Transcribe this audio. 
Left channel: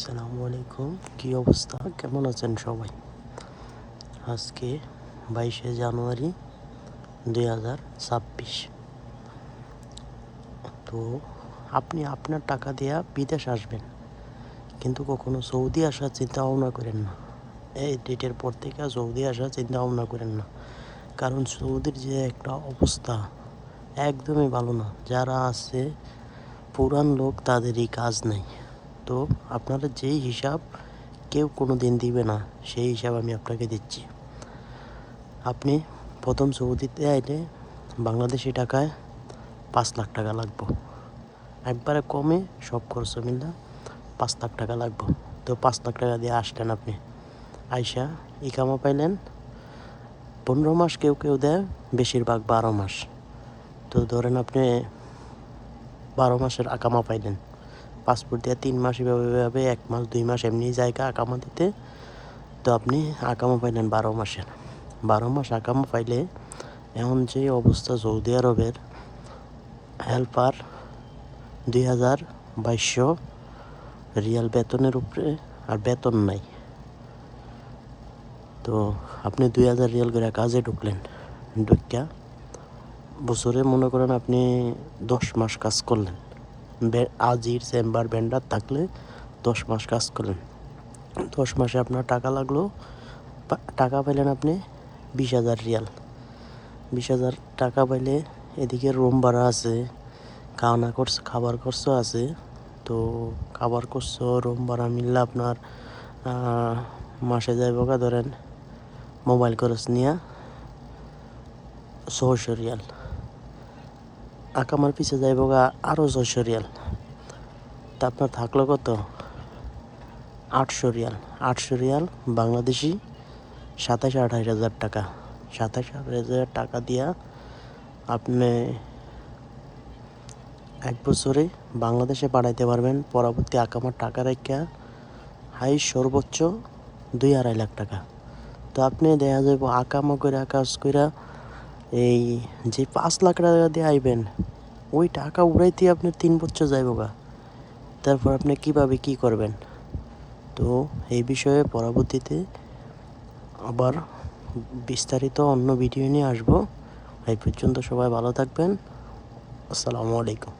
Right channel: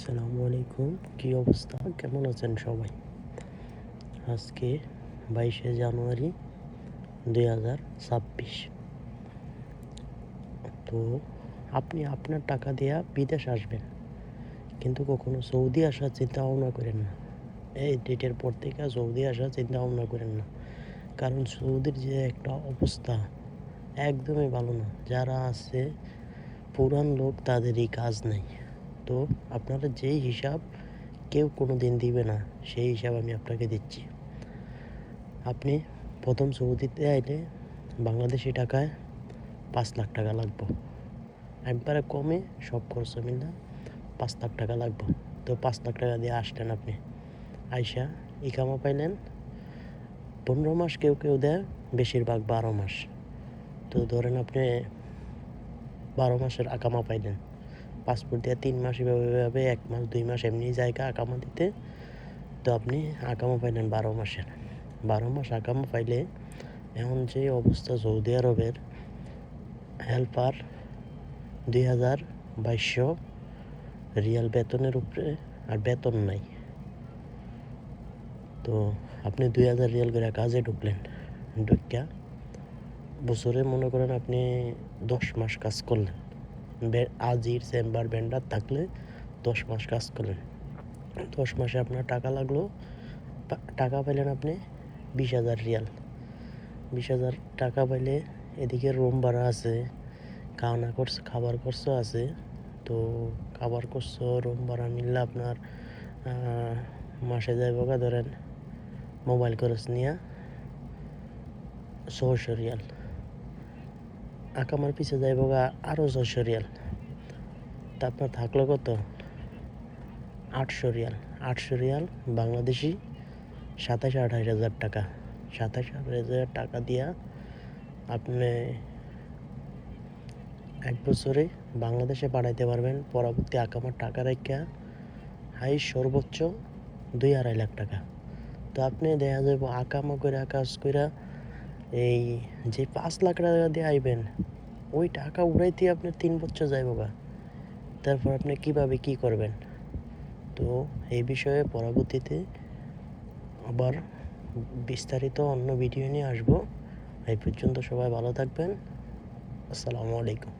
আসসালামু আলাইকুম, কি অবস্থা, কেমন আছেন সবাই? আজকে 22শে জানুয়ারি 2026। তো আপনি আপনার টাকা দিয়া বিদেশ আসবেন, কিন্তু কখনো সৌদি আসার চিন্তা ভাবনা করেন না। এই ডেটের পর থেকে সৌদি আসার চিন্তা ভাবনা করেন না, কারণ সৌদির যে একটা অবস্থা একদমই ভালো না। যারা আছে পুরান লোক, তাদেরই কাজ নেই। তো আপনারা যেই হিসাব কেউ কোনো দিন দিবে না, সেই হিসাব আমি আপনাকে দিচ্ছি। আপনি প্রথম সৌদিতে আইলে বাংলাদেশি টাকায় 5 লাখ টাকা লাগবে, একবারে কমে সব খরচ মিলে 5 লাখ টাকা লাগবে। তো 5 লাখ টাকা দিয়ে আসলেন আপনি, আইসা ইকামা পাইলেন 15 মাস, কেউ কেউ দেয় বেশিরভাগ 12 মাস। তো ধরেন আপনি 12 মাসের আকামা পাইলেন, পাসপোর্ট দিয়ে 3 মাস, এভাবে 1 মাস 2 মাস এমনি জায়গা আকামা দিতে। তো আপনি আকামা পাইলেন 12 মাসের। 12 মাস আকামা পাইলে এখন যে অবস্থা সৌদি আরবের, হেল্পার 2200 রিয়াল বেতনের উপরে, আর বেতন নাই। তো আপনি 2000 রিয়াল করে কাজে ঢুকলেন, ঢুকিয়া বছরে মনে করেন আপনি 10 মাস কাজ করলেন। আজির চেম্বার ভেন্ডার থাকলে 10 মাস কাজ করলেন। 10 মাসে আপনার টাকা লাগলো, টাকা পাইলেন আপনি 20,000 রিয়াল। 20,000 টাকা পাইলে এদিকে রুম ভাড়া আছে, খাবার খরচ আছে। তো খাবার খরচ, রুম ভাড়া মিললে আপনার মাসে যাইব ধরেন মোবাইল খরচ নিয়ে 600 রিয়াল। আকামার পিছে যাইব আরও 600 রিয়াল। তা আপনার থাকলো কত? 800 রিয়াল। 800 রিয়াল বাংলাদেশি 27-28 হাজার টাকা। 27-28 হাজার টাকা দিয়া আপনি 1 বছরে বাংলাদেশে পাঠাইতে পারবেন। পরবর্তী আকামার টাকা রেখা হাই সর্বোচ্চ 2-2.5 লাখ টাকা। তো আপনি দেখা যাবে আকামা করে কাজ করে এই যে 5 লাখ টাকা দিয়ে আইবেন, ওই টাকা উড়াইতে আপনার 3 বছর যাইব গা। তারপর আপনি কিভাবে কি করবেন? তো এই বিষয়ে পরবর্তীতে আবার বিস্তারিত অন্য ভিডিও নিয়ে আসবো। এই পর্যন্ত সবাই ভালো থাকবেন। আসসালামু আলাইকুম।